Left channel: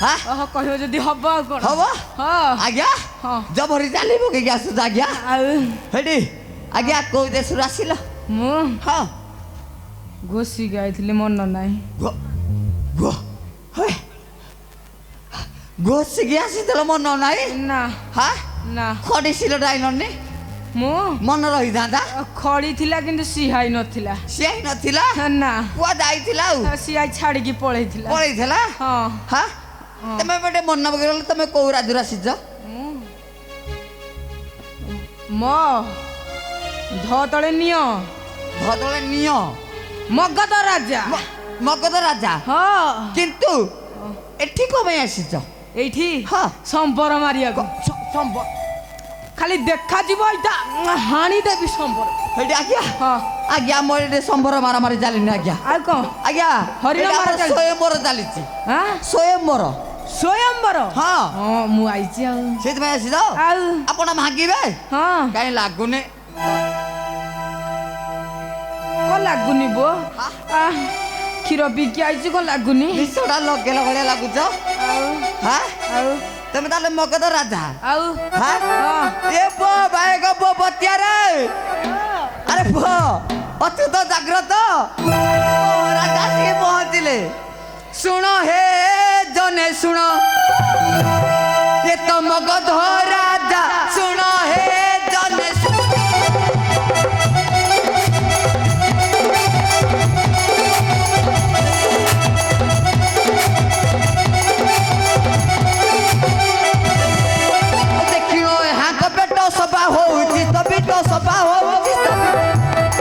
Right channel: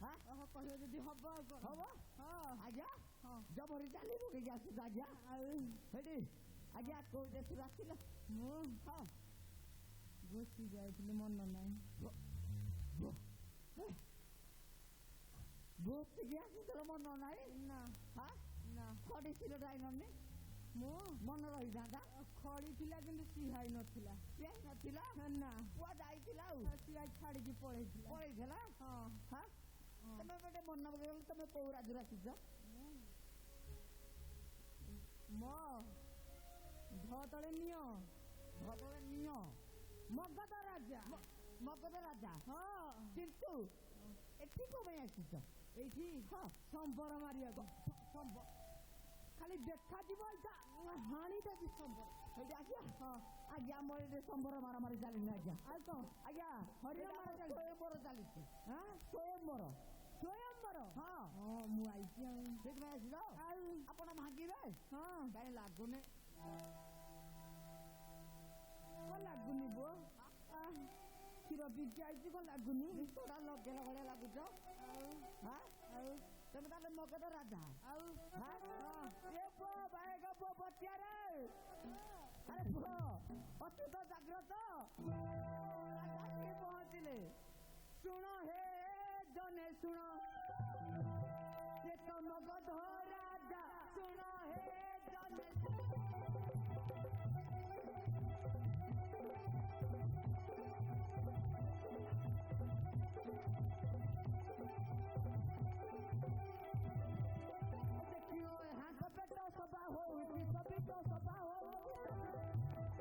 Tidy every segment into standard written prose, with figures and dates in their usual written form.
हां कहियो जदी हबो कोन हबो हां आज्ञा हां जबरी जालिबो के आसु आज्ञा हेडी आज्ञा को देशु आसिल मु हां घोसी गाइथिले मन नाही गो गो हे घोसी के आसितल मन नाही ना हां ना खडिसिल डाइननी मु मन रही दादा खड़ी थिला किंतु सिहाई नथिला सियाई नथिला ना कुआ जाइथिला सिहाई छाड़ी की पळैथिला पळैथिला हां हां तमे बटे मन बगरल तमे को राजुरा सिज म धतळे नियो भदले नियो मगध राजा मगध राजा हां किंतु एठी को में आसिज एठी हां संपर मारिया को संपर खाली देखा जीव इटा हानी देबी संपर हेडी आज्ञा हां आज्ञा मोरे संपर मारा मारी जालिनी आज्ञा आ को आज्ञा हरिण मारा चाली स्वयंवर चालिछि हां स्वयंवर स्वयंवर हां हां मु आइछि आ सेत में आसिज आउ आपण मागिबे हां काई लागुने को लागुनी बो आ खीर बिकी आइछि को लागुनी निसोडा लगेला भले लागुछ हां आउ तमे ताले मगध राजा आउ हां हां ए बो भाई गो बो बतिया रे अरे बो अतु तो जाग्रत राजा से पहुंचले सुनो हे जने सुनो ये तो मगध राजा सुनो हे जने सुनो देखियो यहाँ को बेटो सभा होउची तभी तो सभा होउची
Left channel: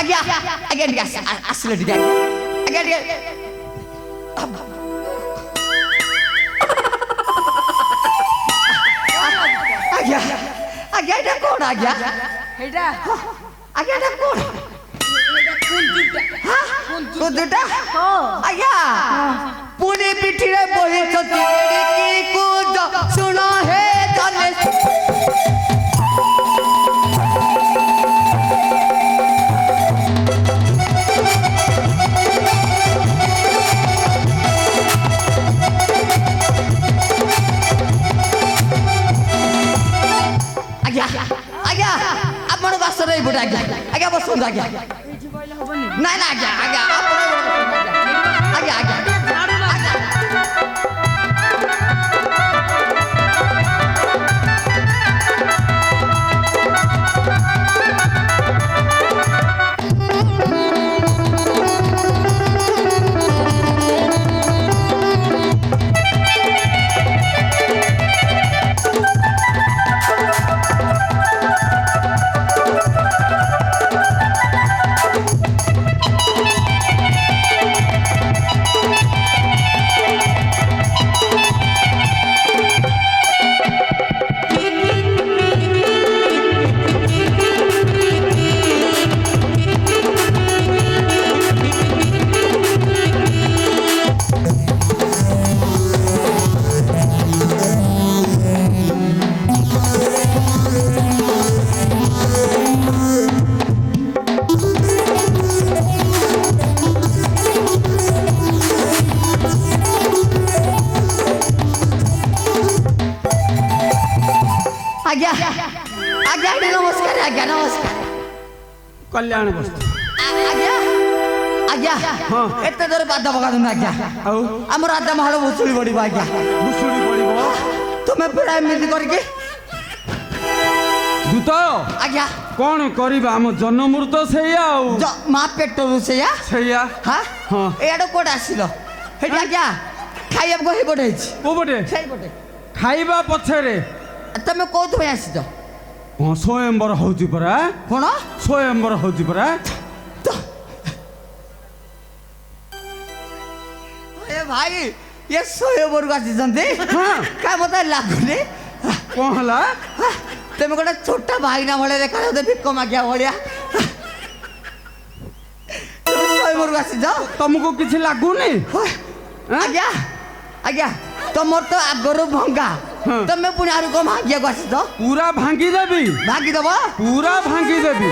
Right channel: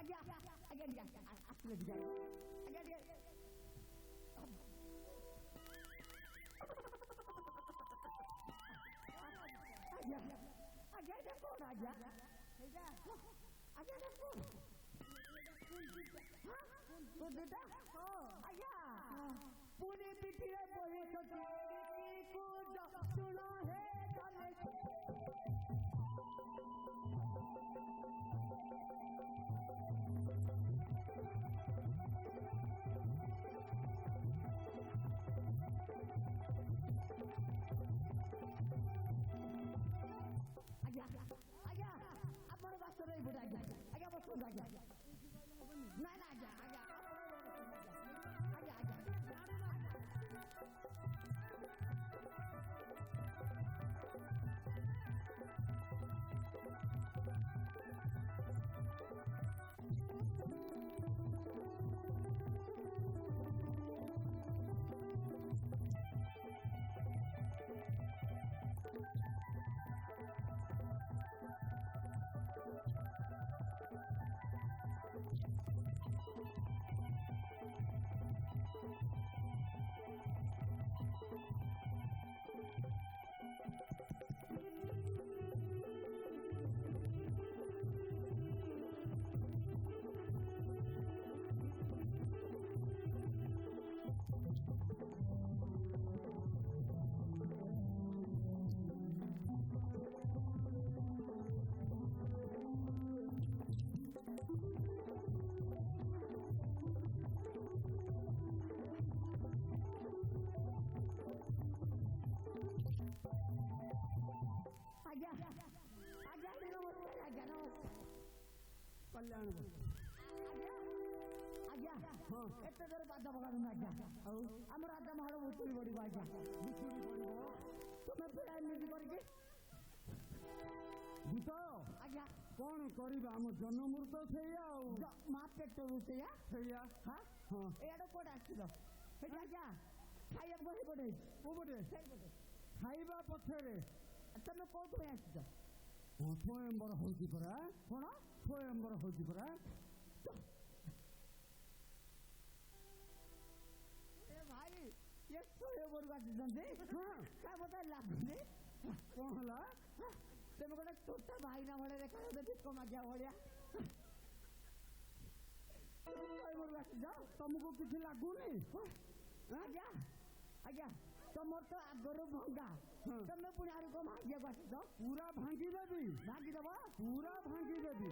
आज्ञा आज्ञा ठीक आसिले ठीक आज्ञा ठीक आज्ञा आज्ञा এটা কোন आज्ञा हेडा आज्ञा এটা কোন কুন্দুটা আজ্ঞা পুনে পিঠিরে বহিছতি কি কুজ শুনো হে জানে আজ্ঞা আজ্ঞা আপন বাসরে বুড়া আজ্ঞা আজ্ঞা বসুন আজ্ঞা না না আজ্ঞা আজ্ঞা আজ্ঞা আজ্ঞা आज्ञा आज्ञा नमस्कार आज्ञा नमस्कार कल्याण वस्तु आज्ञा आज्ञा हाँ एते दर बादा बगा तुम आज्ञा आउ हम राजा महल भुसुड़ी बड़ी आज्ञा भुसुड़ी पड़िबो तुम्हें पड़ा एमती करके दूत आज्ञा कौन करिबा हम जन्ममूर तो सेया आउ मा पेटरू सेया सेया हां हाँ एडो कोड आसिलो हेटी आज्ञा खाइब गहि पड़ैछि ओ बटे सेई पटे खाइबा पछरे तमे कोथु आसिछ हाँ स्वयंवर होउची परा कोन स्वयंवर होउची परा ए भाई ये स्वयंवर आसिछन्ते हाँ का मते लागुने कौन हला तमे गोटे छोटा भाई ना भले देखा दे भिक्क मागिया भलिया स्वयंवर आसिछ तुमको किसी लागुनी आज्ञा आज्ञा तमर तो आगरो भंगा हाँ। तमे पुणी आरु को मागिया आसिछ पूरा भांगी देबी भागी दबो पूरा भांगी देबी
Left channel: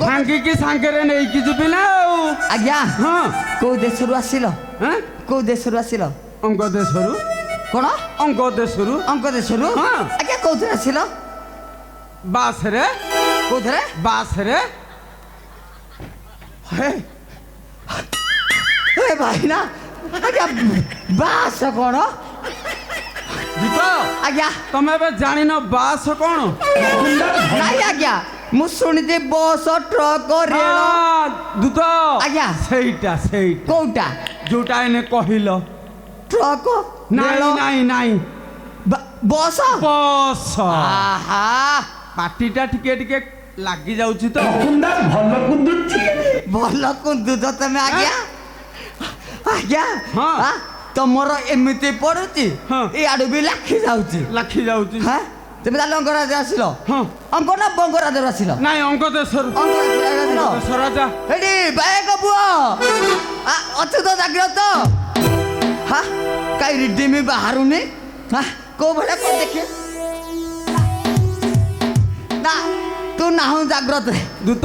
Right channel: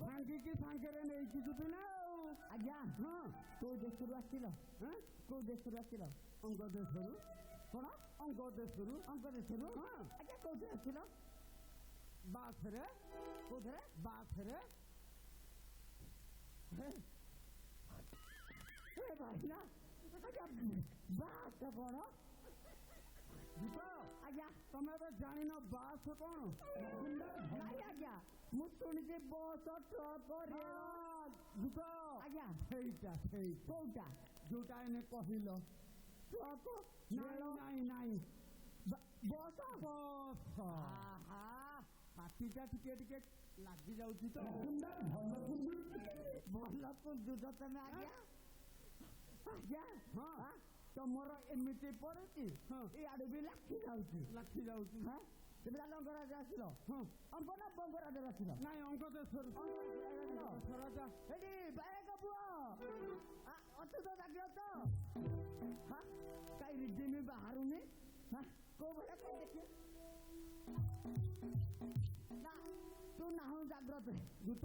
ଭାଙ୍ଗିକି ସାଙ୍ଗରେ ନେଇକି ଯିବି ନା ଆଉ ଆଜ୍ଞା ହଁ କୋଉ ଦେଶରୁ ଆସିଲ ହଁ କୋଉ ଦେଶରୁ ଆସିଲ ଅଙ୍ଗ ଦେଶରୁ କଣ ଅଙ୍ଗ ଦେଶରୁ ଅଙ୍କ ଦେଶରୁ ହଁ। ଆଜ୍ଞା କୋଉଥିରେ ଆସିଲ ବାସରେ କୋଉଥିରେ ବାସରେ ହେ ଏ ଭାଇ ନା ଆଜ୍ଞା ବାସ କଣ ଦୀପ ଆଜ୍ଞା ତମେ ଏବେ ଜାଣିନ ବାସ କଣ ନାଇଁ ଆଜ୍ଞା ମୁଁ ଶୁଣିଛି ବସ ଟ୍ରକ ରେଳ ଦୂତ ଆଜ୍ଞା ସେଇଟା ସେଇଟା କୋଉଟା ଯୋଉଟା ଏନେ କହିଲ ଟ୍ରକ ନାଇଁ ରେଳ ନାଇଁ ନାଇଁ ବସ ବସ ଆହା ପାଟିଟା ଟିକେ ଟିକେ ଲାଗି ଯାଉଛି ତ ଭଲ କୁନ୍ଦୁଛ ତମେ ଆଜ୍ଞା ଆଜ୍ଞା ହଁ। ଆ, ତମର ଏମିତି ପଡୁଛି ହଁ। ଇଆଡୁ ବି ଲାଖି ଯାଉଛି ଲାଖି ଯାଉଛି ହଁ তুমি তাহলে অঙ্গরাজ্যে আসিল ହଁ অঙ্ক না বঙ্গরাজ্যে আসিল ନାଇଁ ଅଙ୍ଗ ଦେଶରୁ অঙ্গরাজ্যে আসিল ଦେଶ ରାଜା এটি বায়ক পুয় অছু তো জাগ্রত হ্যাঁ কাই রিডিমি বাহারুনি হ্যাঁ কেউ ভেড়া কর দেখে না তু নাহু জাগ্রত ଦୂତ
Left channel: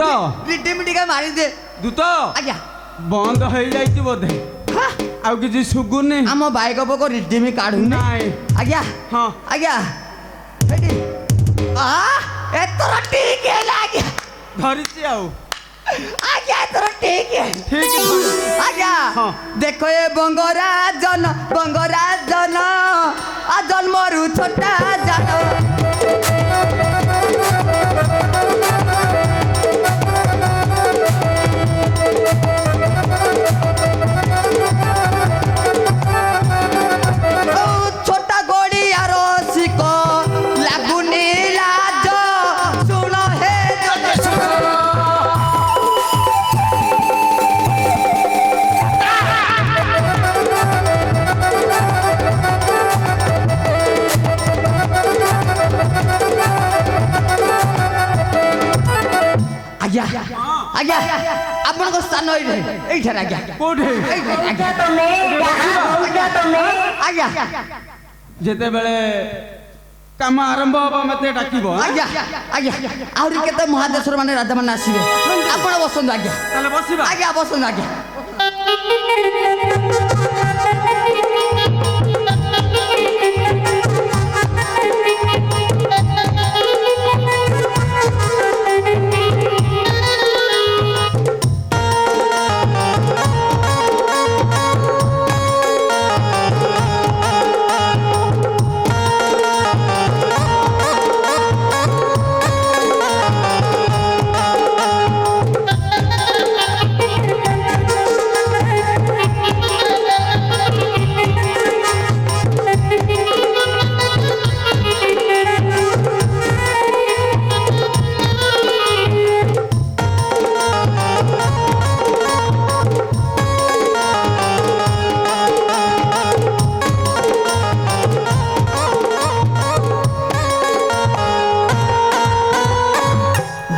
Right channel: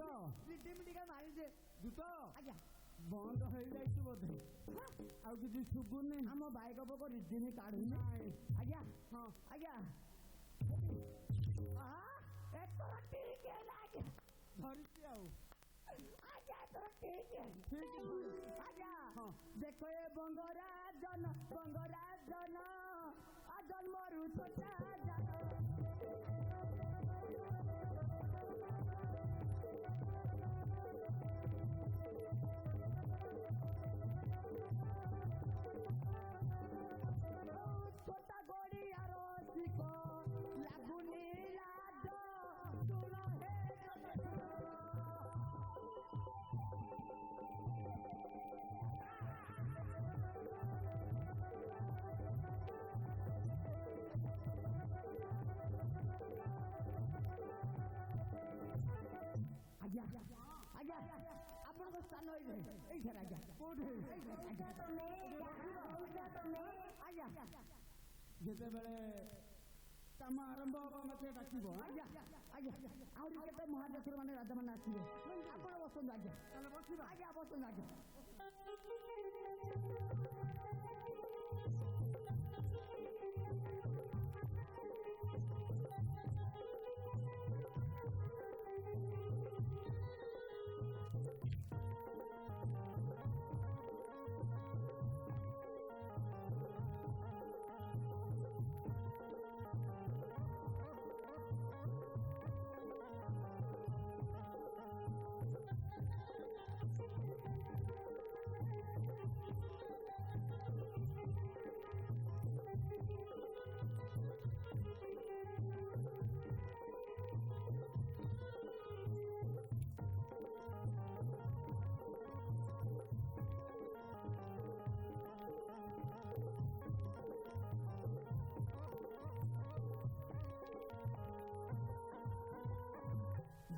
রিডিমি টিকে মারি দে ଦୂତ আজ্ঞা ବନ୍ଦ ହେଇଯାଇଛି ବୋଧେ হ্যাঁ ଆଉ କିଛି ଶୁଗୁନି ଆମ ବାଇକ ପକ ରିଡ଼ିମି କାଢୁନି ନାଇଁ ଆଜ୍ଞା ହଁ ଆଜ୍ଞା ଏଠି ଏଥର ଠିକ ହେଲା ଆଜ୍ଞା ଧରିଛି ଆଉ ଆଜ୍ଞା ଏଥର ଠିକ ଠିକ ଧରିଛି ଆଜ୍ଞା ହଁ। ଦେଖ ଏ ବଙ୍ଗରାଜନ ଆ ଜନ୍ମରୁ ଛୋଟା ଜାନ ଛୋଟା ଗଡ଼ିଆର ଶିକ ଲାଗୁନି ଲାଜ ଶୁଣ ହେ ଜନେ ଶୁଣ ଆଜ୍ଞା ଆଜ୍ଞା ଆପଣଙ୍କ ସ୍ଥାନ ଏଇଠାରେ ଆଜ୍ଞା କୋଉଠି ଆଜ୍ଞା ଯେତେବେଳେ କାମ ଆରମ୍ଭ ହବ ମତେ ଡାକିବ ଆଁ? ଆଜ୍ଞା ଆଜ୍ଞା ଆହୁରି କେତେ ମହାଦେଶର ମାନେ ରାଜା ମାନେ ଆସିବେ ଆପଣ ବସନ୍ତୁ ଆଜ୍ଞା ତାହେଲେ ବସିବା ଆଜ୍ଞା ବସନ୍ତୁ ଆଜ୍ଞା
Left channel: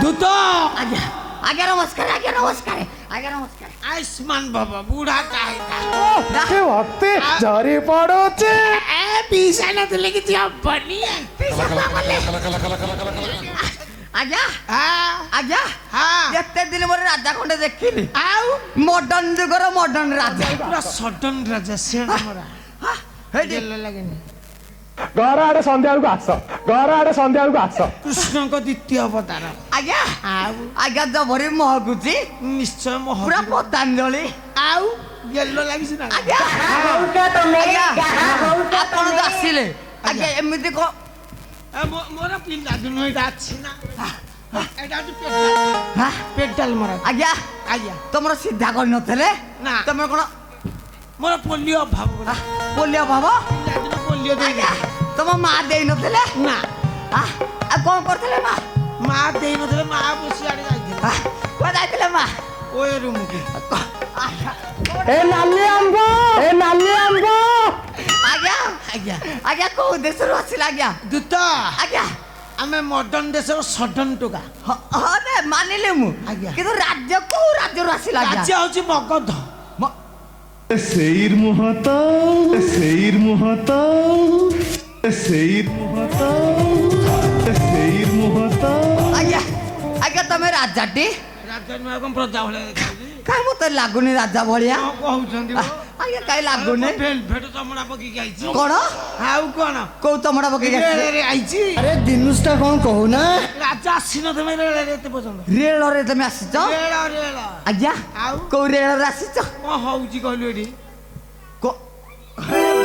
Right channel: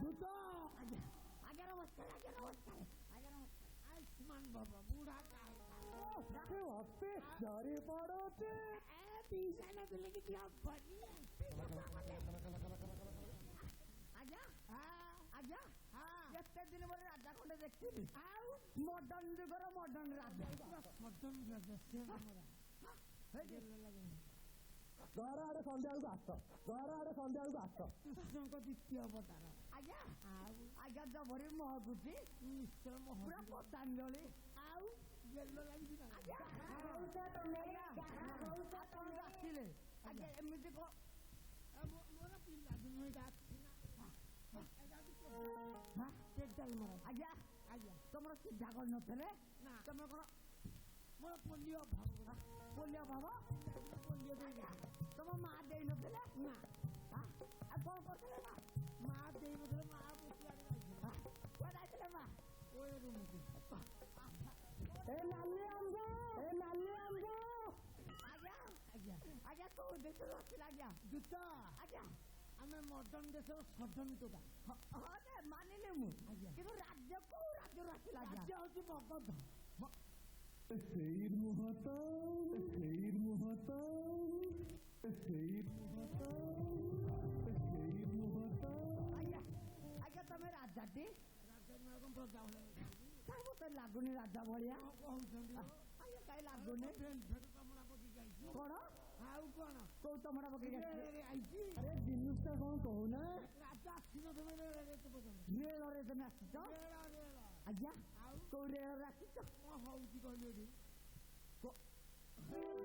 ଦୂତ ଆଜ୍ଞା ଆଜ୍ଞା ନମସ୍କାର ଆଜ୍ଞା ନମସ୍କାର ଆଜ୍ଞା ନମସ୍କାର आयुष्मान बाबा बूढ़ा का ଅତି ଝରି ପଡୁଛି पीसा न तो लेके जब बनी ଆଜ୍ଞା हाँ ଆଜ୍ଞା हाँ ଏତେ ଦିନ ପରେ ରାଜା ଖଣ୍ଡେ ଦେଖିଲି आओ ମଡର୍ଣ୍ଣ ଯୁଗର ମଡର୍ଣ୍ଣ ରାଜା पूरा सडन राजा से हमारा ହେଇଟି जेल लगेनी ଘର ଆଡେ ସନ୍ଧ୍ୟା ବେଳକୁ ଆସ ଘର ଆଡେ ସନ୍ଧ୍ୟା ବେଳକୁ ଆସ कृष्ण को द्वितीय अवतार ଆଜ୍ଞା आओ ଆଜ୍ଞା ଜବରି ମହକୁଛି निश्चय मोह ପୁରା ପତାଞ୍ଜଳି आओ येलो लगी ना ଆଜ୍ଞା ଆଜ୍ଞା ଆପଣ ତ ଆସିଲେ ଆଜ୍ଞା ଏମିତି କଣ मोर पिंडा दुनो एटा अछि ना एटा जो ହାଁ? पेटल मोर ଆଜ୍ଞା आज्ञा ତମର ସିଧା କରିନଥିଲେ ନା। ତମର କଣ मोर पोलियो अभाव ପୋଲିଓ ଭାବ पिंडा पोलियो दे ଆଜ୍ଞା ତମ ମା ଦେଇନଥିଲେ ना ଆଉ କଣ କରୁଥିଲେ ମା ମା ଦେଇ ନଥିଲେ ମା ବସି ଆଡେ ଯାଇଥିଲେ କୁଆ ଯାଇଥିଲେ ମା ଓଏ ରୁମ୍ କୁ ଏ ନାଲି ଆମ୍ବ ଆଜ୍ଞା ଆଜ୍ଞା ଆଜ୍ଞା କୋଉ ଦେଶରୁ ଆସିଲା ଆଜ୍ଞା ଦୂତ ଆଜ୍ଞା ଆମେ ମଡର୍ଣ୍ଣ ଦେଶର ସଡନ ଟୋକା ହଁ ରେ ମାନିଲି ମୁଁ ଆଜ୍ଞା। କିନ୍ତୁ ରାଜ୍ୟ କୋଉ ରାଜ୍ୟରୁ ଆସିଲା ଆଜ୍ଞା ରାଜ୍ୟ ହଉଛି Magadha Seyir muhata, seyir muhata, seyir muhata, seyir muhata. ଆଜ୍ଞା ଆଜ୍ଞା ତମେ ରାଜାଟି ରାଜା ନୁହେଁ କଣ ପ୍ରଜା ଭଳିଆ ଦେଖାଯାଉଛି କାଇଁ ମତେ ଲାଗୁନି ରାଜା ଭଳିଆ କଣ କହୁଛନ୍ତି ମ? ଆଜ୍ଞା କାଇଁ ଲାଗୁନି ଭେଲଭେଟ ଚମଡ଼ା ପକେଇକି ଆଇଛି କଣ ଆଉ କଣ କୋଉ ତମଡା ପକେଇକି ଆସିছে ରେଳରେ ଆଇଛି ଆରେ ଦିନୁଷଟା କଣ କହୁନା ରାଜା ଆସିନଥିବେ ରେଳରେ ଏତେ ପର୍ଯ୍ୟନ୍ତ ରେଳରେ ତମେ ଆସିଛ ରେଳ ଆଜ୍ଞା ଆଉ କୋଉ ରେଳରେ ଆସିଛ କଣ ହଉଛି କହିଲୁ ଏଠି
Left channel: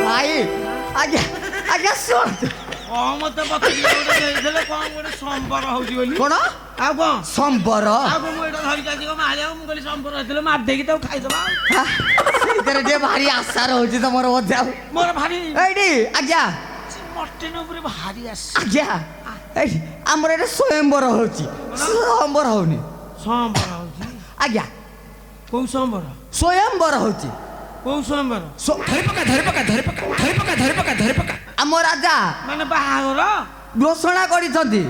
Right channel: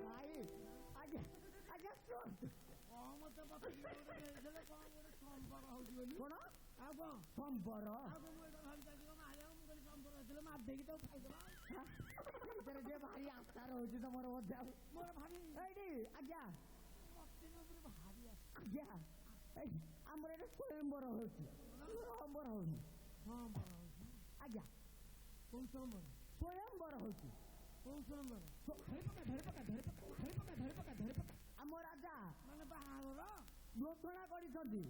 ଭାଇ ଆଜ୍ଞା ଆଜ୍ଞା ଶୁଣନ୍ତୁ କଣ ମତେ ପଚାରିଲେ ଗୋଟେ ଦେଇଥିଲେ କଣ ଗୋଟେ ସମ୍ବର ହଉଛି ବୋଲି କଣ ଆଉ କଣ ସମ୍ବର ଆଉ କଣ ମୁଁ ଏଇଟା ଧରିକି ଆସିକି କଣ ମାରିବାକୁ ମୁଁ କହିଲି ସମ୍ବର ହେଇଥିଲେ ମାରି ଦେଇକି ତାକୁ ଖାଇଦବା ଆଉ। ହା, ସେଇଥିରେ ଟିକେ ଭାରି ଆଶା ରହୁଛି ତମର ବୋଧେ ଆଉ ମୋର ଭାରି ଏଇଠି ଆଜ୍ଞା ମଟନ ଉପରେ ଭାରି ଆସେ ଆଜ୍ଞା ଏଇଠି ଆମର ଏଠି ସ୍ୱୟଂବର ହଉଛି ସ୍ୱୟଂବର ହଉନି ସମ୍ବର ହଉଛି ଆଜ୍ଞା କୋଉ ସମ୍ବର ସ୍ୱୟଂବର ହଉଛି କୋଉ ସମ୍ବର ଆମ ରାଜା ମାନେ ବାହାଘର ଘୋଷଣା କରିଛନ୍ତି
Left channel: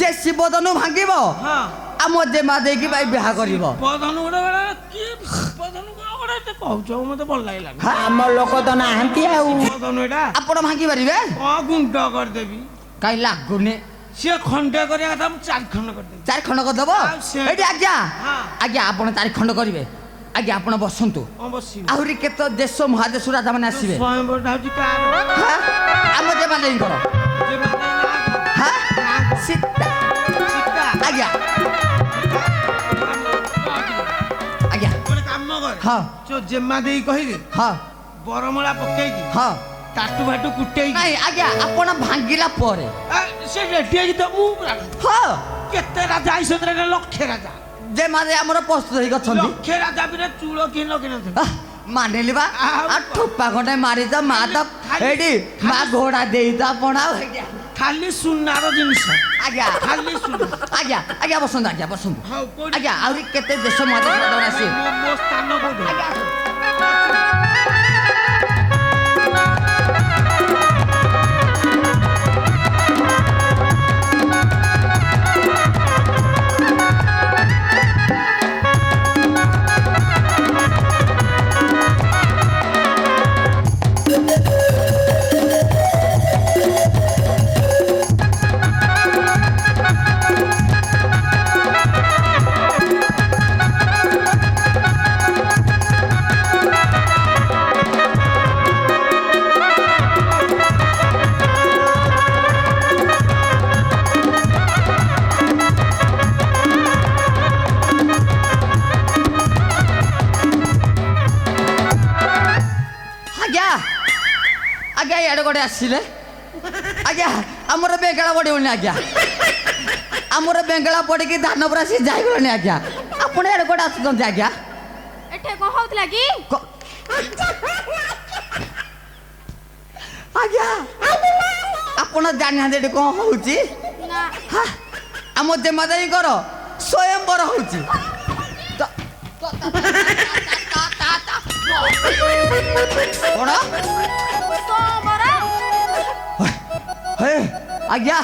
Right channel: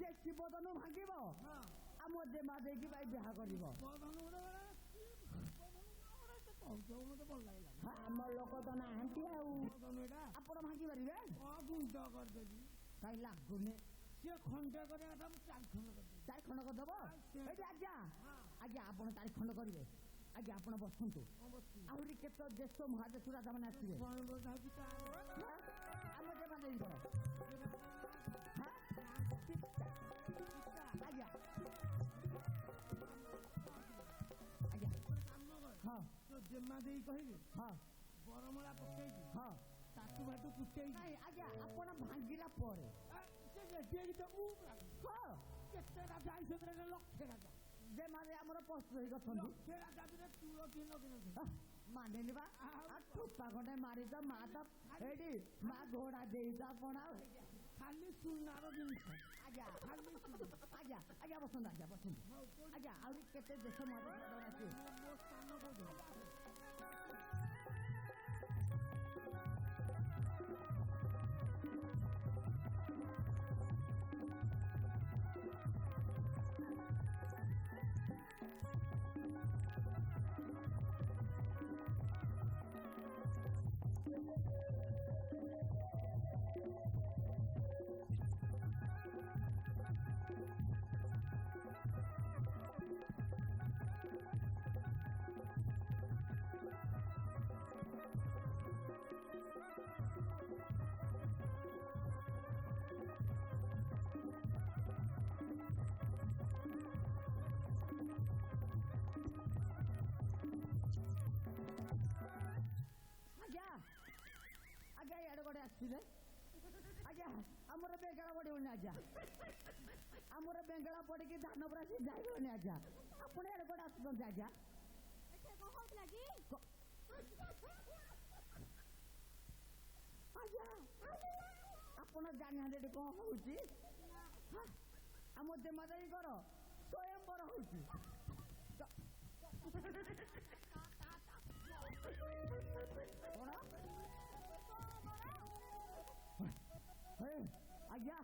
ଯେ ଶିବଧନୁ ଭାଙ୍ଗିବ ହଁ ଆମ ଜେମା ଦେଇକି ଭାଇ ବିବାହ କରିବ ପଧନୁ ଗୋଟେ କି ପଧନୁ କଣ ଗୋଟେ ଏତେ କହୁଛ ମତେ ଭଲ ଲାଗିଲାନି ହା, ଆମ ଲୋକ ତ ନାହାନ୍ତି ଆଉ ପଧନୁ ଏଇଟା ଆପଣ ଭାଙ୍ଗି ପାରିବେ କଣ ଗୁଣ୍ଡ କରିଦେବି କାଇଁ ଲାଗୁନି ସିଏ ଖଣ୍ଡେ କରିବା କଥା ମୁଁ 4 ଖଣ୍ଡ କରିଦେବି ଚାରି ଖଣ୍ଡ କରିଦବ ଆଉ ସେ- ଏଇଠି ଆଜ୍ଞା ହଁ। ଆଜ୍ଞା ଆପଣ ଚାରି ଖଣ୍ଡ କରିବେ ଆଜ୍ଞା ଆପଣ ବସନ୍ତୁ କଣ ବସିବି ଆହୁରି କେତେ ଦେଶ ମହାଦେଶ ରାଜା ମାନେ ଆସିବେ ସ୍ୱୟଂବରଟା ହଉଛି କାର ହା? ଆମ ଜେମା ଦେଇଙ୍କର ଯେ ମାନେ ନା ହା? ସୀତା ସୀତା ଆଜ୍ଞା ଆଜ୍ଞା ଗୋଟେ କାମ କରେ ହଁ ଯୋଉ ଜେମା ଦେଇ କହିଲେ ହଁ ବରମୂଳା ପକେଇକି ହଁ ଟାଟୁ ଫାଟୁ କୁଟେଇକି ନାଇଁ ଆଜ୍ଞା ଆପଣ ଭାଙ୍ଗିଲା ପରେ ସେ ରେଡି ହେଇକି ତ ମୁଁ ହଁ କେତେ ରାଜା ଆଇସନ୍ତି ଲକ୍ଷେ ରାଜା ଜେମା ଦେଇ ଆମର ପ୍ରସ୍ତୁତ ହେଇକି ଅଛନ୍ତି ଲକ୍ଷେ ରାଜା ବି ଚୂଳ କିଏ ଲଗେଇନଥିଲେ ଆଃ, ମାନିଲି ବା ଆଉ ଆଉ ଠୋପା ଖଣ୍ଡେ ମାରିଛ ମା ତ ଏଇଠି ମା ଘୋଡା ଦେଇଛ ଆପଣ ଆଉ ହେଇଟି। ଖାଲି ସୁନାର ଜିନିଷ ଆଜ୍ଞା ଖାଲି ସୁନା ଆଜ୍ଞା ଆଜ୍ଞା ବସନ୍ତୁ ଆଜ୍ଞା ବସନ୍ତୁ ହଉ କୋଉଠି ଆଜ୍ଞା ଆହୁରି କେତେ ଦେଶ ମହାଦେଶ ରାଜା ମାନେ ଆସିବେ ମୋ ସ୍ଥାନ କୋଉଠି ଆଜ୍ଞା ଆସନ୍ତୁ। ଆଜ୍ଞା ଆଜ୍ଞା ଇଆଡ଼େ ଗୋଟେ ଆସିଲେ ଆଜ୍ଞା ଆମର ବେଙ୍ଗଳା ପଡ଼ିବନି ଆଜ୍ଞା ଆମର ବେଙ୍ଗଳା ପଡ଼ିକି ଧାନ ପୁରା ସିଏ ଯାଇଗଲାଣି ଆଜ୍ଞା ଆପଣ ଇଆଡ଼େ ଗୋଟେ ଆସୁଛନ୍ତି ଆଜ୍ଞା ଏଠି କଣ ହଉଥିଲା କି କ- ଆଜ୍ଞା ଆପଣ ଜାଣିନାହାନ୍ତି ଏଠି କ'ଣ ହଉଛି ନା ହା, ଆମ ଦେମାଦାଇଙ୍କର ସ୍ୱୟଂବର ହଉଛି ତ- କ'ଣ ସୋମବାର ହେ ଆଜ୍ଞା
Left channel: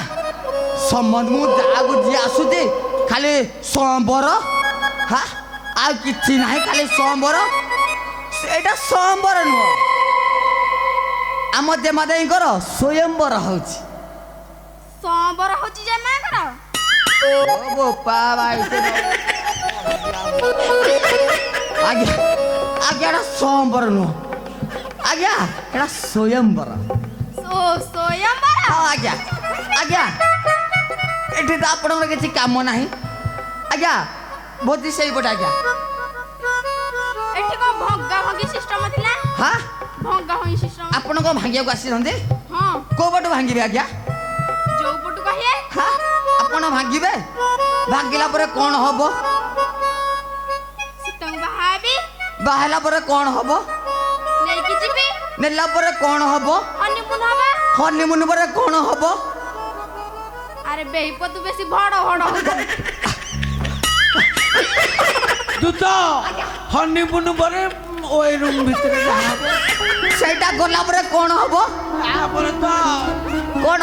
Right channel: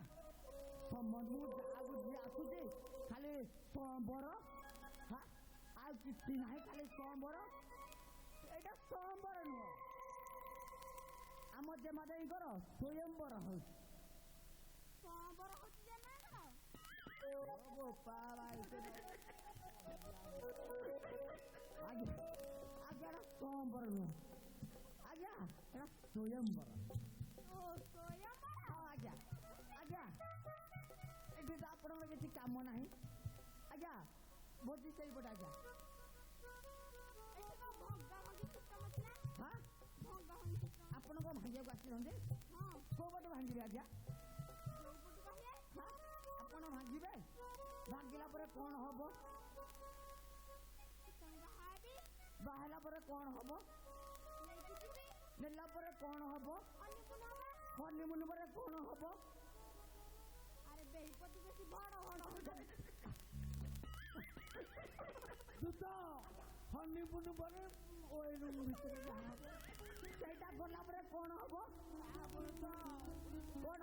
ସମ୍ବନ୍ଧ ମୁଁ ଯାହାକୁ ଯିଏ ଆସୁଛି ଖାଲି ସ୍ୱୟଂବର ହା ଆଉ କିଛି ନାହିଁ ଖାଲି ସ୍ୱୟଂବର ସେଇଟା ସ୍ୱୟଂବର ନୁହଁ ଆମ ଦେମାଦେଇଙ୍କର ସ୍ୱୟଂବର ହଉଛି ସୋମବାର ହଉଛି ଯେ ମାଙ୍କର ଓ ବୋପା ଭାଇ ଆଜ୍ଞା ଆଜ୍ଞା ଏଟା ସ୍ୱୟଂବର ନୁହଁ ଆଜ୍ଞା ଏଟା ସ୍ୱୟଂବର ସ୍ୱୟଂବର ହଁ ଆଜ୍ଞା ଆଜ୍ଞା ଏଠି ତ ଆପଣଙ୍କର କିଛି କାମ ନାହିଁ ଆଜ୍ଞା ଭୋଜି ସେଇପଟେ ଆଜ୍ଞା ଏଠି କଣ ଭଙ୍ଗା ଭଙ୍ଗି ସିଷ୍ଟମ ଥିଲା ହଁ ଭଙ୍ଗା ଭଙ୍ଗି ସିଷ୍ଟମ ଆପଣ କ'ଣ ଭାଙ୍ଗିବାକୁ ଆସିଛନ୍ତି ହଁ କୋଉ ପଟୁ ଭାଙ୍ଗିବେ ଆଜ୍ଞା ଯୋଉ ପଟୁ କହିବେ ହଁ ଆପଣ ଭାଙ୍ଗିବେ ଭାଙ୍ଗିଲା ପରେ କ'ଣ ହବ ସୀତାଙ୍କୁ ବାହାବି ବାହାରିଲା ପରେ କ'ଣ ହବ ନେଇକି ଯିବି ନେଲା ପରେ କ'ଣ ହବ ହନିମୁନ ହବା ହନିମୁନ ପରେ କ'ଣ ହବ ଆରେ ବେହିପତୁ ବେଶୀ ଭଡ ଭଡ ହଉଛି ଦୂତ ହନିମୁନ ପରେ ওই রুম ভিতরে যাবো ସେଇଟା ଗଲା ପରେ କ'ଣ ହବ তারপরে তো କ'ଣ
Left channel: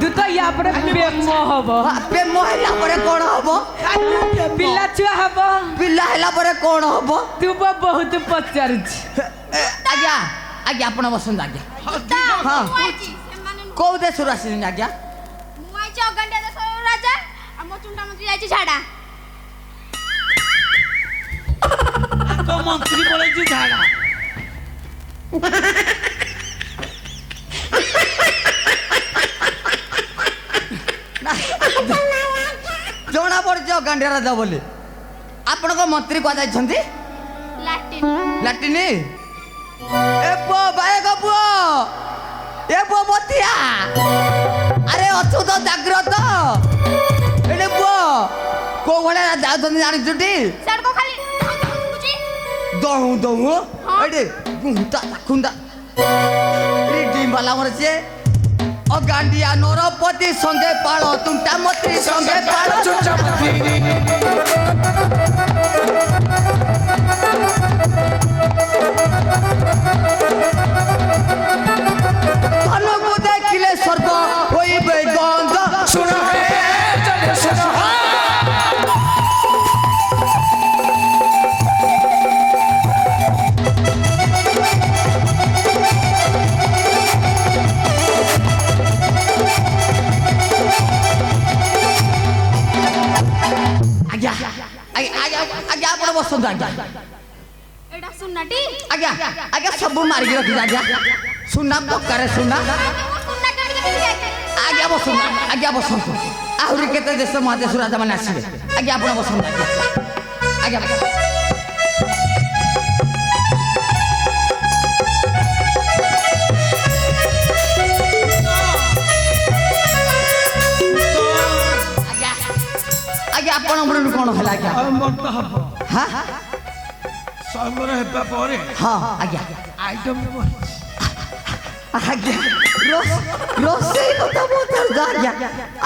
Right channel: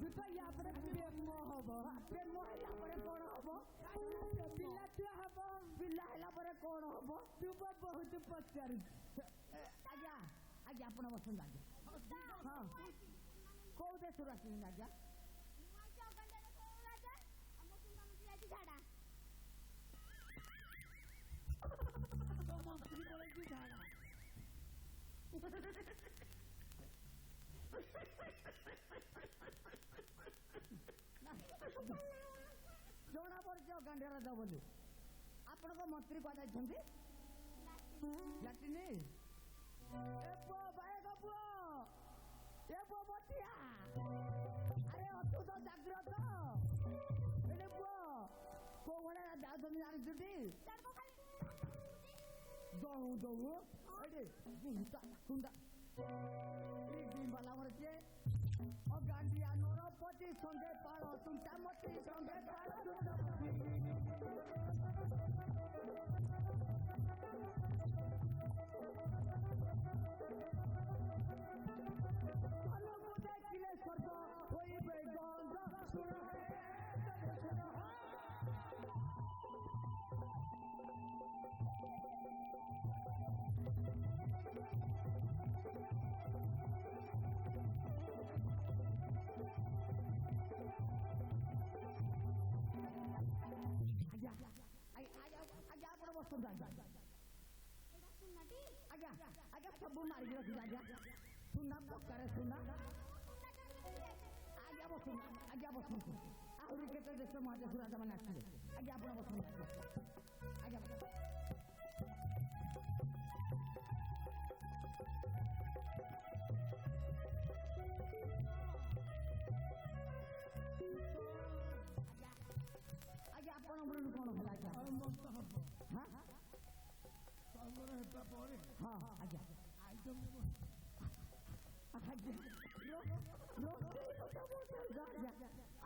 দুটো ইয়া পরে প্রেম হব ପ୍ରେମ ହେଲା ପରେ କ'ଣ ହବ ପିଲା ଛୁଆ ହବ ପିଲା ହେଲା ପରେ କ'ଣ ହବ ତୁ ବହୁତ ପଚାରୁଛି ଆଜ୍ଞା ଆଜ୍ଞା ଆପଣ ବସନ୍ତୁ ଆଜ୍ଞା ମୁଁ ଆଇଛି ସେମାନେ ନୁହଁ। କୋଉ ଦେଶରୁ ଆସିଛନ୍ତି ଆଜ୍ଞା ମୁଁ ଆଇଛି ଅଗଣ୍ଡିଆ ଦେଶର ରାଜା ଆଉ ମୋ ଚୁଣ୍ଡା ମନ୍ତ୍ରୀ ଯାଇଛି ଝାଡା ହେଇଛି ଝାଡା ଜଣା ପଡୁଛି ଅଗାଣ୍ଡିଆ ରାଜା ବୋଲି ଆପଣଙ୍କ ମନ୍ତ୍ରୀ କୁହାଯାଇଛନ୍ତି ଲାଟିନ୍ ଲାଟିନ ଏ ପୁଅ ବାୟକ ପୁଅ ଏ ପୁଅ ବତିଆ ଆରେ ଅଛୁ ତ ଜାଗ୍ରତ ଏଠି ପୁଅ କୋଉ ଭଳିଆ ଯାଉଛନ୍ତି ଜାଣିଛୁଟି ସେଡକୁ ଖାଲି ବୁଝି ଦହୁ ଦହୁ ଏଠି ଗୁଣ୍ଡା ଖୁନ୍ଦା ଡିମ୍ବାଲା ମର ସିଏ ଅଗାଣ୍ଡିଆ ନରପତି ସଙ୍ଗେ ପାଳ ତୁଣ୍ଟା ମନ୍ତ୍ରୀ ସଙ୍ଗେ ପାଳ ଧନକୁ ଦେଖିଲେ ସ୍ୱର୍ଗ ହୋଇବେ ଗନ୍ଧ ଶୁଣ ହେ ଜନେ ଶୁଣ ଆଜ୍ଞା ଆଜ୍ଞା ଆପଣ ବସନ୍ତୁ ଆଜ୍ଞା ଏଟା ସୁନାଟି ଆଜ୍ଞା ଆଜ୍ଞା ସବୁ ମାରିକି ରଖିଛି ଆଜ୍ଞା ସୁନା ପକାରେ ସୁନା ସୁନା କାଢିକି ନେଇକି ଯାଇଥାଏ ଆଜ୍ଞା ବସନ୍ତୁ ଆଜ୍ଞା ବସନ୍ତୁ ଆହୁରି କେତେ ଦେଶ ମହାଦେଶ ରାଜା ମାନେ ଆସିବେ ଆଜ୍ଞା ଆପଣ ବସନ୍ତୁ ଆଜ୍ଞା ଆଜ୍ଞା ଆଜ୍ଞା ଆଜ୍ଞା ଆପଣଙ୍କର କଣ ହେଲା ଆଜ୍ଞା ଆଉ ମୋର ତ ହବ ହଁ ସମର ହେବା ପରେ ହଁ ଆଜ୍ଞା ଆଇଟମ ଆଜ୍ଞା ରୋଷେଇ କଥା ପଚାରୁଛ ଆଜ୍ଞା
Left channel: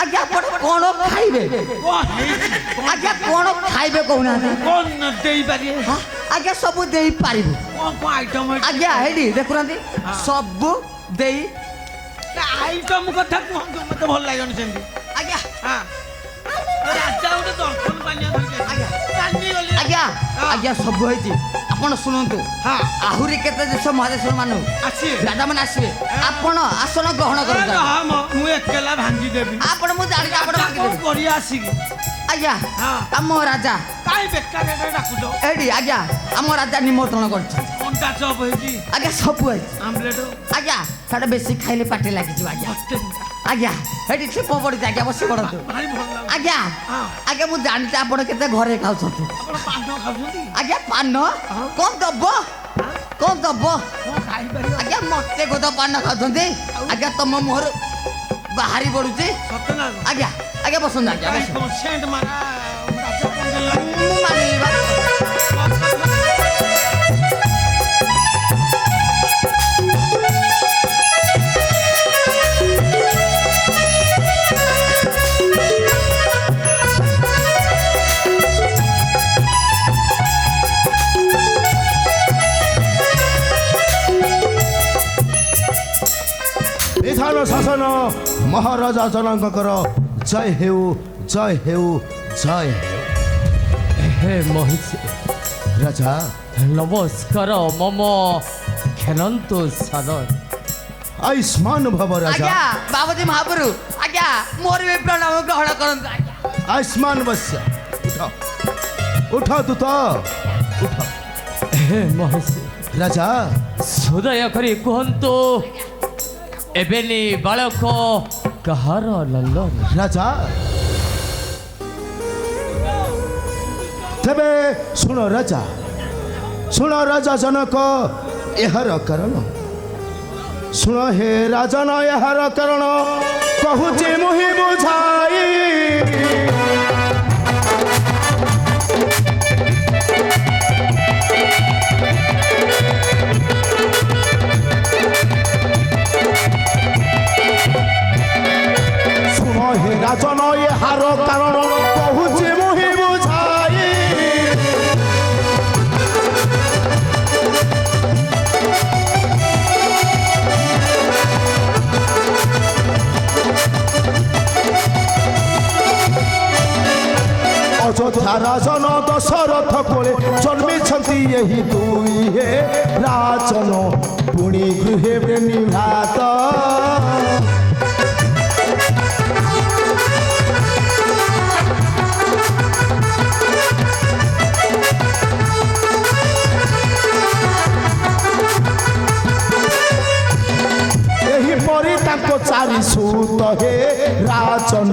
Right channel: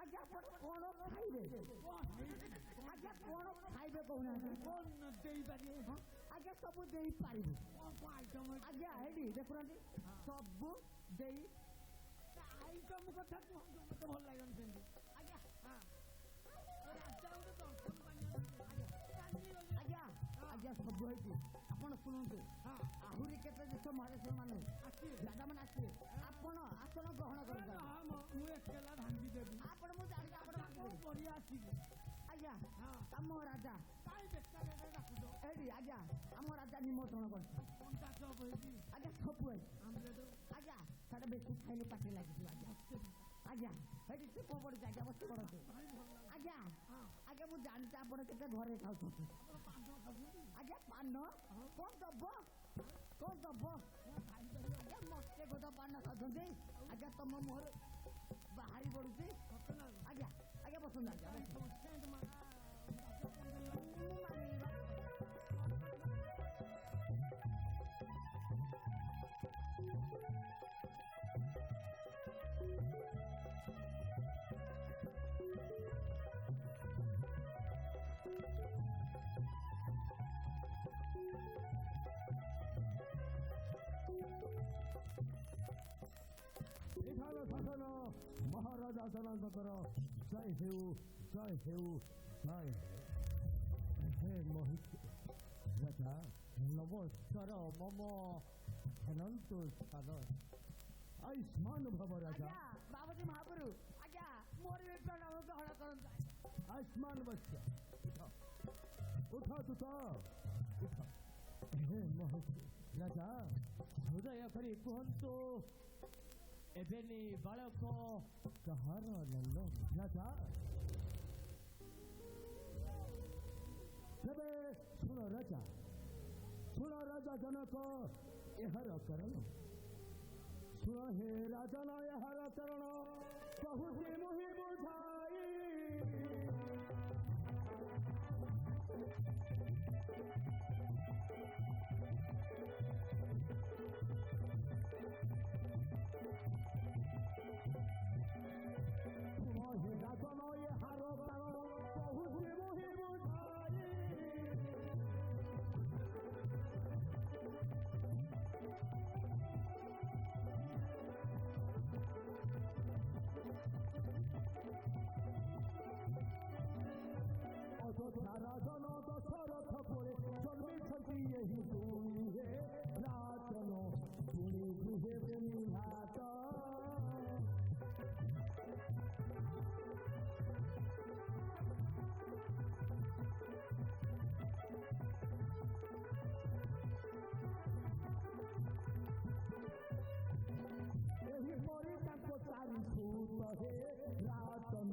ଆଜ୍ଞା ଆପଣ କଣ ଖାଇବେ କଣ ହେଇଛି ଆଜ୍ଞା କଣ ଖାଇବେ କହୁନାହାନ୍ତି କଣ ଦେଇପାରିବେ ହଁ, ଆଜ୍ଞା ସବୁ ଦେଇପାରିବୁ କଣ ଆଇଟମ ଆଜ୍ଞା ହେଇଟି ଦେଖୁନାହାନ୍ତି ସବୁ ଦେଇ ଆଇଟମ କଥା କୁହନ୍ତୁ ମତେ ଭଲ ଲାଗିବନି ସେମିତି ଆଜ୍ଞା ହଁ ରାଜା ଗୋଟେ ଦର୍ଶନ ପାନିଆ ଧରିକି ଆସିଛି। ଆଜ୍ଞା ଆଜ୍ଞା ସବୁ ହେଇଛି ଆପଣ ଶୁଣନ୍ତୁ ହଁ ଆହୁରି କେତେ ଦେଶ ମହାଦେଶ ମାନଙ୍କୁ ଆସିବେ ରାଜା ମାନେ ଆସିବେ ଆପଣ ଆସନ ଗ୍ରହଣ କରନ୍ତୁ ମୁଁ ଏକେଲା ଭାଙ୍ଗିଦେବି ଆପଣ ମୁଁ ଜାଣିଛି ଆପଣ କଣ ମାଗିଦେବେ। କରିବା ଆସିକି ଆଜ୍ଞା ହଁ। ଆମ ରାଜା କାହିଁ ବେକାର ଡାକୁଛ ଏଇଠି ଆଜ୍ଞା ଆମ ରାଜା ନିମନ୍ତ୍ରଣ କରିଛନ୍ତି ଅଣ୍ଡା ଚପ ହେଇଛି ଆଜ୍ଞା ସବୁ ହେଇଛି ଆମ୍ଲେଟ ଆଜ୍ଞା ସେଟା ବେଶୀ ଖାଇଲେ ପାଟି ଲାଗିଯିବ ଆଜ୍ଞା ଆଜ୍ଞା ଏଠି ଛେପ ପଡିଛି ଆଜ୍ଞା ବସି ପଡନ୍ତୁ ଭାରି ଭଲ ଲାଗୁଛି ଆଜ୍ଞା ହଁ। ଆଜ୍ଞା ମୁଁ ଜାଣିଛି ଆପଣ କେତେ ଘରେ ଖାଉଛନ୍ତି ଆପଣ ପାନ ଖାଉଛନ୍ତି ଆଜ୍ଞା ପାନ କଣ ଦବ କଣ ଦବ କଣ ଖାଇପାରିବ ଆଜ୍ଞା ମତେ ଗୋଦ ପାନ ଖାଉଛନ୍ତି ଆଜ୍ଞା ତମ ମୁହଁରୁ ବାହାରି ପଡୁଛି ସତ ନା ଆଜ୍ଞା ଆଜ୍ଞା ବସନ୍ତୁ ଆଜ୍ଞା କାହିଁ ବସନ୍ତୁ। କନସେଣ୍ଟ ମାରା ରାଜା ପଣ୍ଡେ ଲାଗି ମୁଁ ମାନିବି ବା। ବିଧାନ ଶାସନ ମହାରାଜା ଜନକଙ୍କର ଜୟ ହେଉ ଜୟ ହେଉ ଜୟ ହେଉ হে মহিষী ରାଜା নমস্কার মম খেলন্ত সাদর ଆୟୁଷ୍ମାନ ଭବ ରାଜା ଆଜ୍ଞା ବାବୁଜୀ ମହାପୁରୁ ଆଜ୍ଞା ମୋର ବି ପ୍ରଣାମ ଗ୍ରହଣ କରନ୍ତୁ ଆଜ୍ଞା ଆୟୁଷ୍ମାନ ବସ୍ୟ ଉଠ ଦୂତ ଉଠ হে মহিষী ରାଜା সুদয় করে কুহন্তু এবেনি বালক কাহার লল্লন ରାଜା ତେବେ ଶୁଣ ରାଜା ଜନକ ଏହାର କାରଣ ଶୁଣ ହେ ରାଜନ ଏହାର କାରଣ କହୁଛି ମୁହିଁ ବୁଝାଇ ଶୁଣ ହେ ରାଜନ ଏହାର କାରଣ କହୁଛି ମୁହିଁ ବୁଝାଇ ଅଯୋଧ୍ୟା ରାଜନ ଦଶରଥ କୋଳେ ଜନ୍ମିଛନ୍ତି ଏହି ଦୁଇ ହେ ରାଜନ ପୁଣି ଗୃହେ ନିଭାତ ଚାରି ସୁତ ହେ ରାଜନ